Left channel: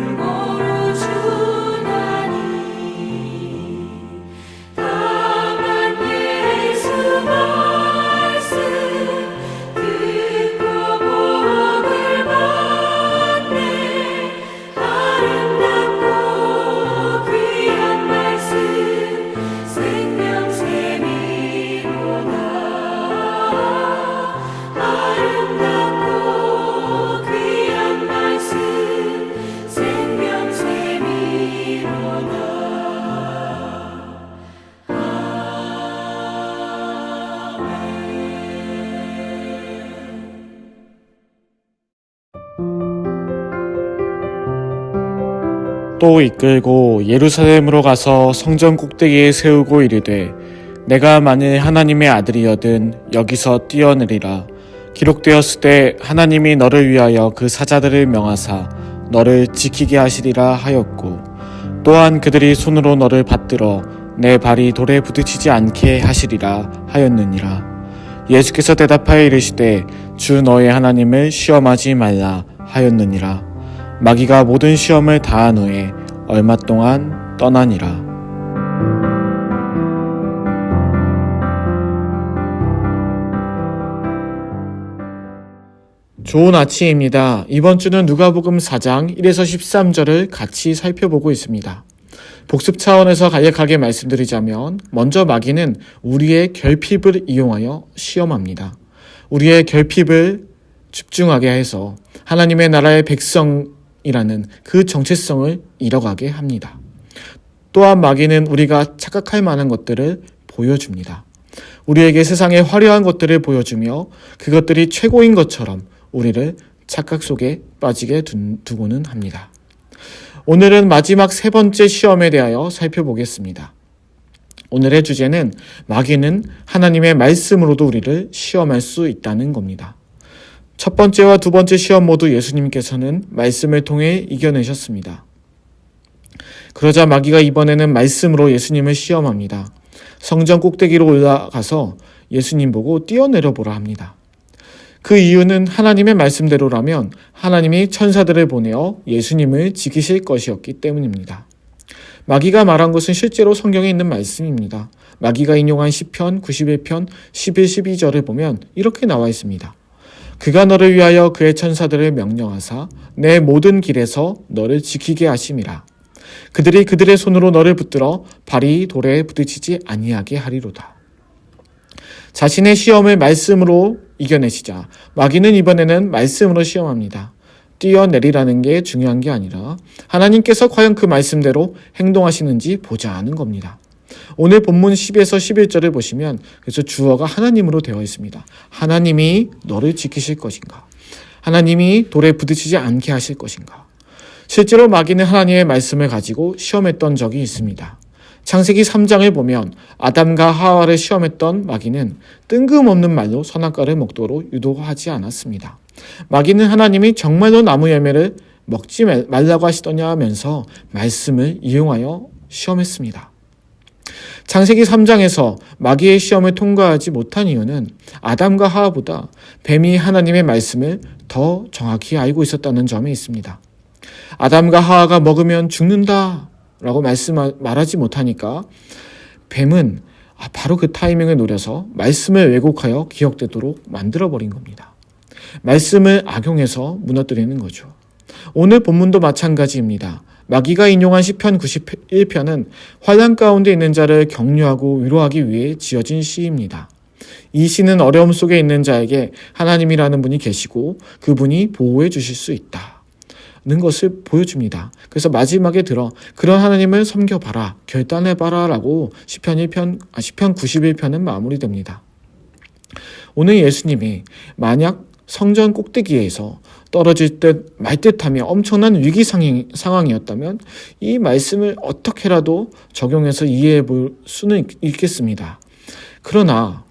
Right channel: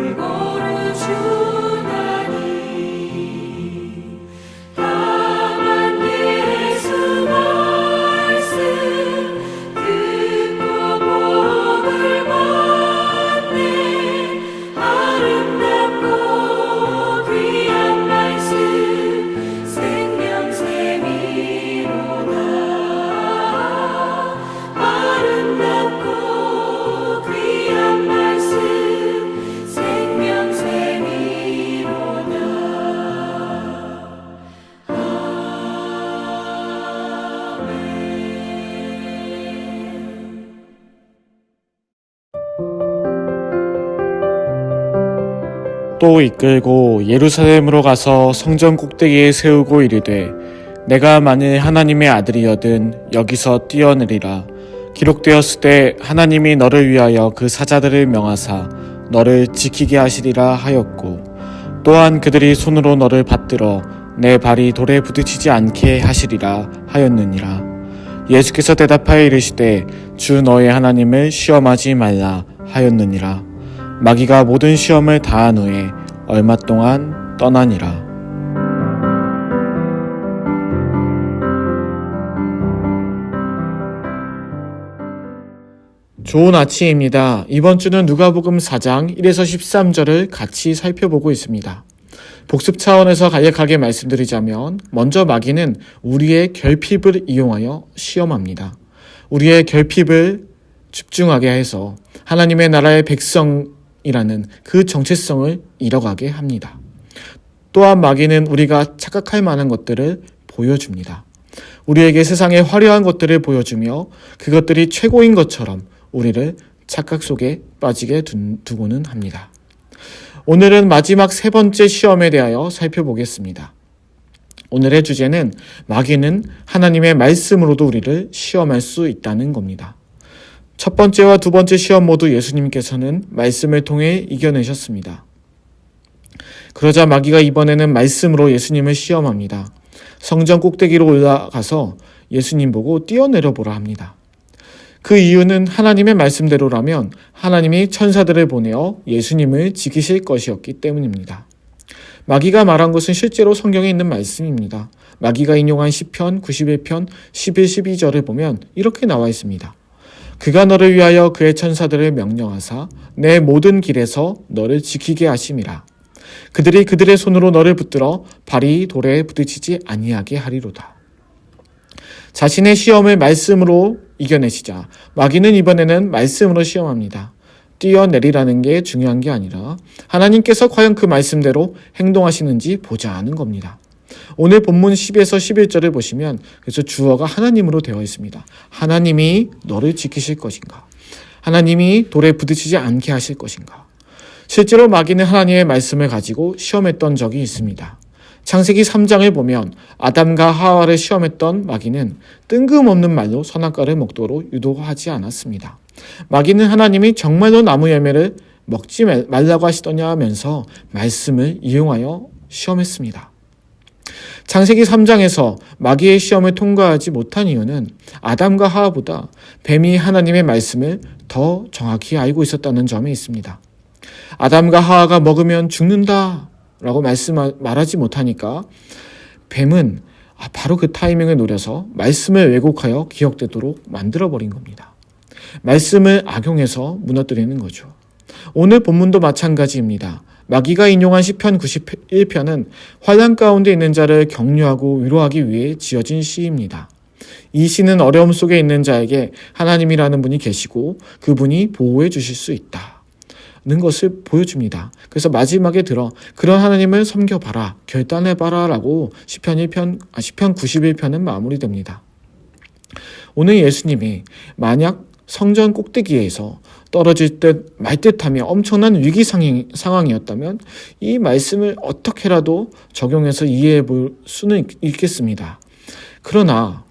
골고루 주나니 다만 예수 말씀 듣고 복을 받네. 아름답고 귀한 말씀 생명샘이로다. 아름답고 귀한 말씀 생명샘이로다. 또 이끌고 예루살렘으로 가서 성전 꼭대기에 세우고 이르되 내가 만일 하나님의 아들이여든 여기서 뛰어내리라. 기록되었을 때 하나님이 너를 위하여 그 사자들을 명하사 너를 지키게 하시리라 하였고 또한 그들이 손으로 너를 받들어 내 발이 돌에 부딪히지 않게 하시리라 하였느니라. 예수께서 대답하여 이르시되 주 너의 하나님을 시험하지 말라 하였느니라. 마귀가 모든 시험을 다한 후에 얼마 동안 떠나니라. 좋은 아침입니다. 이번 주는 누가복음 4장 1에서 13절을 같이 살펴보고 있습니다. 복습 차원에서 간략하게 말씀드리자면 먼저 마귀는 우리의 결핍을 이용하여 시험합니다. 우리의 결핍을 집중하게 해서 하나님의 나라의 백성이라는 그 정체성을 잃어가게 합니다. 또한 마귀는 우리가 착각할 만한 것들을 보여줍니다. 우리에게 세상의 화려한 것들을 보여주며 그것들이 최고인 것처럼 우리를 착각 속에 빠지게 두고는 합니다. 오늘은 마지막 세 번째 시험에 대하여 살펴보겠습니다. 오늘의 주제는 마귀는 하나님의 말씀으로도 우리를 시험할 수 있다는 겁니다. 첫 번째와 두 번째 시험 모두 예수님께서는 말씀을 통해 이겨내셨습니다. 그러자 마귀가 이번에는 말씀으로 예수님을 시험합니다. 성전 꼭대기로 올라가서 예수님 보고 뛰어내려 보라 합니다. 그 이유는 하나님의 말씀대로라면 하나님이 천사들을 보내어 예수님을 지키실 것이었기 때문입니다. 마귀가 말한 것은 실제로 성경에 있는 말씀입니다. 마귀가 인용한 시편 91편 11, 12절을 보면 이렇게 나와 있습니다. 그가 너를 위하여 그의 천사들을 명령하사 내 모든 길에서 너를 지키게 하심이라. 그들이 그들의 손으로 너를 붙들어 발이 돌에 부딪히지 아니하게 하리로다. 자신의 시험을 말씀으로 이겨내시자 마귀는 이번에는 말씀으로 시험합니다. 뛰어내리라는 게 중요한 게 아니라 하나님께서 과연 그 말씀대로 행동하시는지 보자 하는 겁니다. 오늘 본문 10에서 11절을 보시면 그래서 주어가 하나님으로 되어 있습니다. 하나님이 너를 지키실 것인가? 하나님이 돌에 부딪히지 않게 하실 것인가? 실제로 마귀는 하나님의 말씀을 가지고 시험했던 적이 있습니다. 창세기 3장을 보면 아담과 하와를 시험했던 마귀는 뜬금없는 말로 선악과를 먹도록 유도하지 않았습니다. 마귀는 하나님이 정말로 나무 열매를 먹지 말라고 하시더냐 하면서 말씀을 이용하여 시험했습니다. 창세기 3장에서 마귀의 시험을 통과하지 못한 이유는 아담과 하와보다 뱀이 하나님의 말씀을 더 정확히 알고 있었다는 점에 있습니다. 아담과 하와가 먹으면 죽는다 라고 말하지 못하니까 뱀은 바로 그 타이밍을 노려서 말씀을 왜곡하여 기억되도록 만들어버린 겁니다. 말씀을 악용해서 무너뜨리는 거죠. 오늘 본문도 마찬가지입니다. 마귀가 인용한 시편 91편은 환난 가운데 있는 자를 격려하고 위로하기 위해 지어진 시입니다. 이 시는 어려움 속에 있는 자에게 하나님이라는 분이 계시고 그분이 보호해 주실 수 있다는 것을 보여줍니다. 그래서 마지막에 들어 그런 하나님을 섬겨봐라, 결단해봐라 라고 시편 91편은 마무리됩니다. 오늘 예수님이 만약 성전 꼭대기에서 떨어질 듯 말 듯하며 엄청난 위기 상황이었다면 이 말씀을 어떻게라도 적용해서 이해해 볼 수는 있겠습니다. 그러나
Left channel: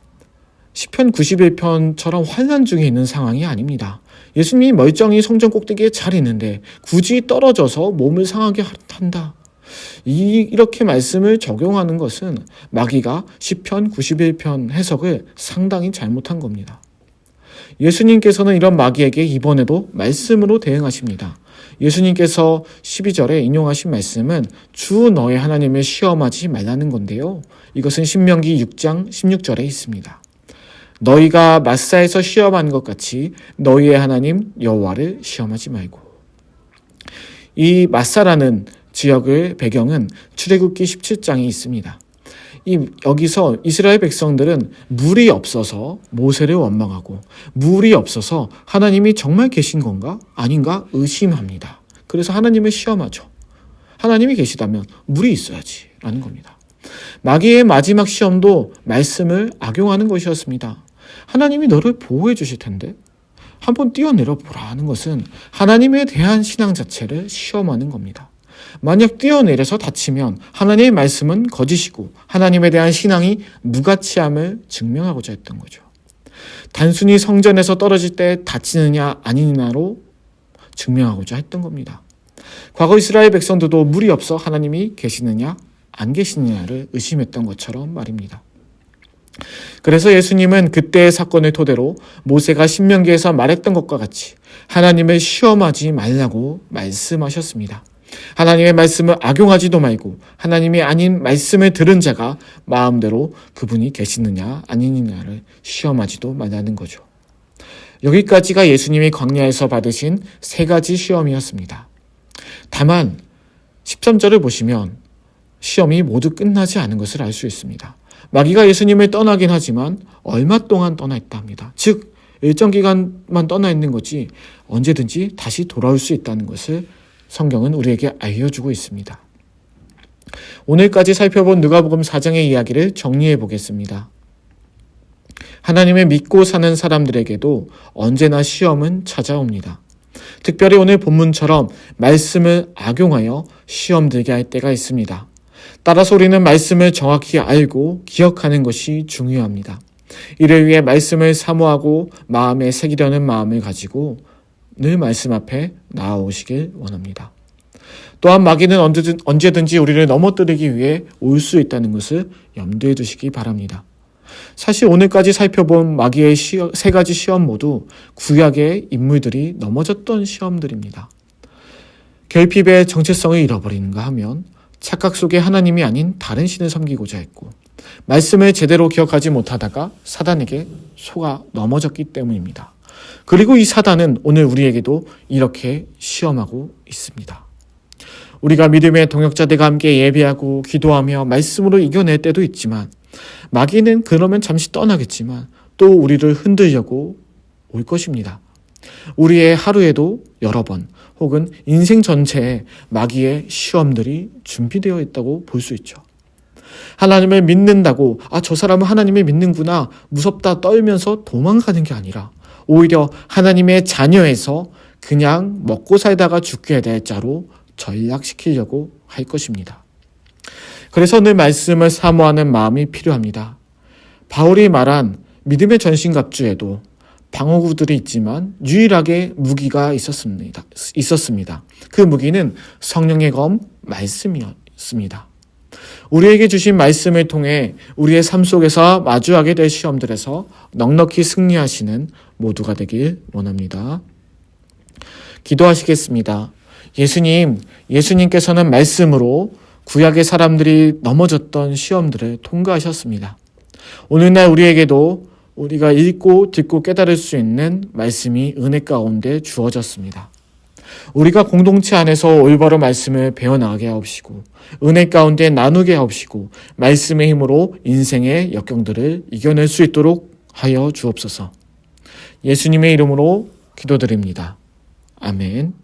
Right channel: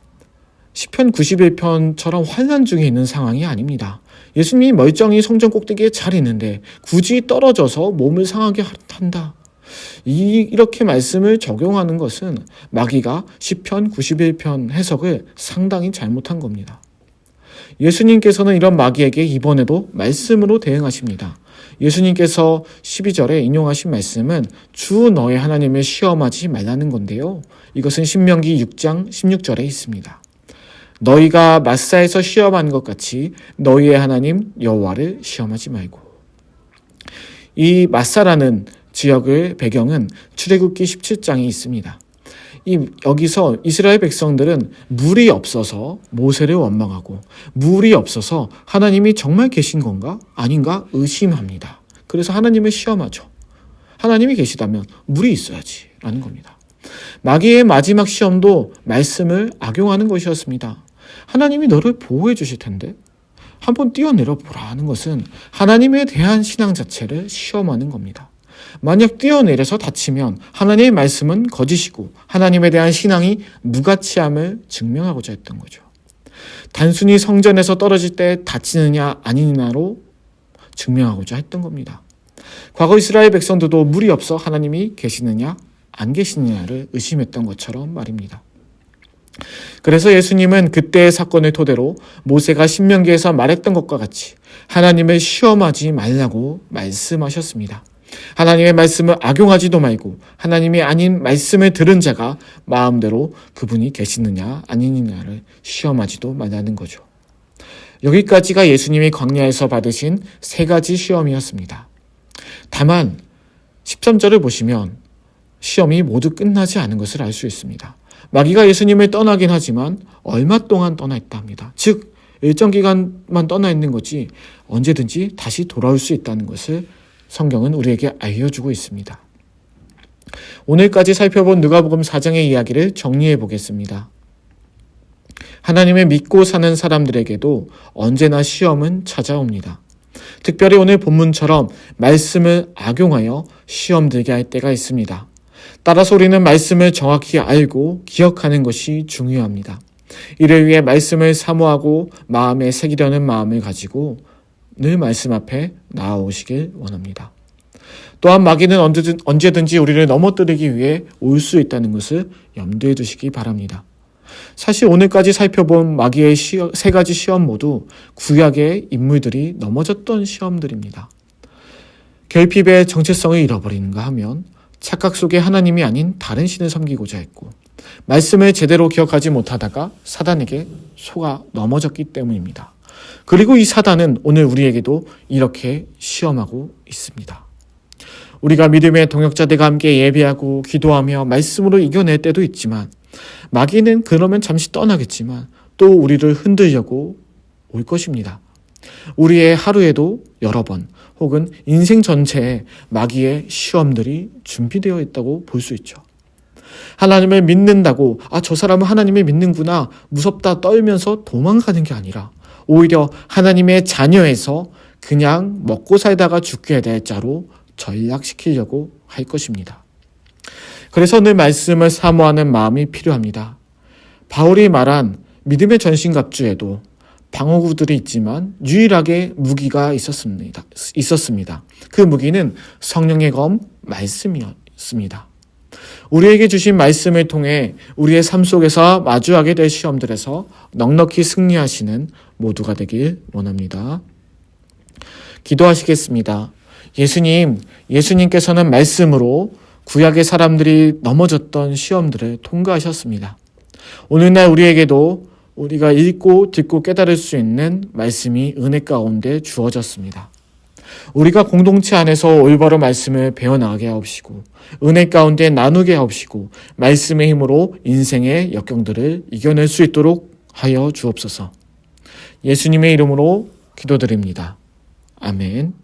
시편 91편처럼 환난 중에 있는 상황이 아닙니다. 예수님이 멀쩡히 성전 꼭대기에 잘 있는데 굳이 떨어져서 몸을 상하게 한다. 이렇게 말씀을 적용하는 것은 마귀가 시편 91편 해석을 상당히 잘못한 겁니다. 예수님께서는 이런 마귀에게 이번에도 말씀으로 대응하십니다. 예수님께서 12절에 인용하신 말씀은 주 너의 하나님을 시험하지 말라는 건데요. 이것은 신명기 6장 16절에 있습니다. 너희가 마사에서 시험한 것 같이 너희의 하나님 여호와를 시험하지 말고. 이 마사라는 지역의 배경은 출애굽기 17장이 있습니다. 여기서 이스라엘 백성들은 물이 없어서 모세를 원망하고 물이 없어서 하나님이 정말 계신 건가? 아닌가? 의심합니다. 그래서 하나님을 시험하죠. 하나님이 계시다면 물이 있어야지 라는 겁니다. 마귀의 마지막 시험도 말씀을 악용하는 것이었습니다. 하나님이 너를 보호해 주실 텐데 한번 뛰어내려 보라는 것은 하나님에 대한 신앙 자체를 시험하는 겁니다. 만약 뛰어내려서 다치면 하나님의 말씀은 거짓이고 하나님에 대한 신앙이 무가치함을 증명하고자 했던 거죠. 단순히 성전에서 떨어질 때 다치느냐 아니냐로 증명하고자 했던 겁니다. 과거 이스라엘 백성들도 물이 없어 하나님이 계시느냐 안 계시느냐를 의심했던 것처럼 말입니다. 그래서 예수님은 그때의 사건을 토대로 모세가 신명기에서 말했던 것과 같이 하나님을 시험하지 말라고 말씀하셨습니다. 하나님의 말씀을 악용하지도 말고 하나님이 아닌 말씀을 들은 자가 마음대로 그분이 계시느냐 아니느냐를 시험하지도 말라는 거죠. 여기까지가 예수님이 광야에서 받으신 3가지 시험이었습니다. 다만 13절을 보시면 시험이 모두 끝나지 않은 것을 알 수 있습니다. 마귀가 예수님을 떠나긴 하지만 얼마 동안 떠나 있다 합니다. 즉 일정 기간만 떠나 있는 거지 언제든지 다시 돌아올 수 있다는 것을 성경은 우리에게 알려주고 있습니다. 오늘까지 살펴본 누가복음 4장의 이야기를 정리해 보겠습니다. 하나님을 믿고 사는 사람들에게도 언제나 시험은 찾아옵니다. 특별히 오늘 본문처럼 말씀을 악용하여 시험 들게 할 때가 있습니다. 따라서 우리는 말씀을 정확히 알고 기억하는 것이 중요합니다. 이를 위해 말씀을 사모하고 마음에 새기려는 마음을 가지고 늘 말씀 앞에 나아오시길 원합니다. 또한 마귀는 언제든지 우리를 넘어뜨리기 위해 올 수 있다는 것을 염두에 두시기 바랍니다. 사실 오늘까지 살펴본 마귀의 3가지 시험 모두 구약의 인물들이 넘어졌던 시험들입니다. 결핍의 정체성을 잃어버리는가 하면 착각 속에 하나님이 아닌 다른 신을 섬기고자 했고 말씀을 제대로 기억하지 못하다가 사단에게 속아 넘어졌기 때문입니다. 그리고 이 사단은 오늘 우리에게도 이렇게 시험하고 있습니다. 우리가 믿음의 동역자들과 함께 예배하고 기도하며 말씀으로 이겨낼 때도 있지만 마귀는 그러면 잠시 떠나겠지만 또 우리를 흔들려고 올 것입니다. 우리의 하루에도 여러 번 혹은 인생 전체에 마귀의 시험들이 준비되어 있다고 볼 수 있죠. 하나님을 믿는다고 저 사람은 하나님을 믿는구나 무섭다 떨면서 도망가는 게 아니라 오히려 하나님의 자녀에서 그냥 먹고 살다가 죽게 될 자로 전락시키려고 할 것입니다. 그래서 늘 말씀을 사모하는 마음이 필요합니다. 바울이 말한 믿음의 전신갑주에도 방어구들이 있지만 유일하게 무기가 있었습니다. 그 무기는 성령의 검 말씀이었습니다. 우리에게 주신 말씀을 통해 우리의 삶 속에서 마주하게 될 시험들에서 넉넉히 승리하시는 모두가 되길 원합니다. 기도하시겠습니다. 예수님께서는 말씀으로 구약의 사람들이 넘어졌던 시험들을 통과하셨습니다. 오늘날 우리에게도 우리가 읽고 듣고 깨달을 수 있는 말씀이 은혜 가운데 주어졌습니다. 우리가 공동체 안에서 올바로 말씀을 배워나가게 하옵시고 은혜 가운데 나누게 하옵시고 말씀의 힘으로 인생의 역경들을 이겨낼 수 있도록 하여 주옵소서. 예수님의 이름으로 기도드립니다. 아멘.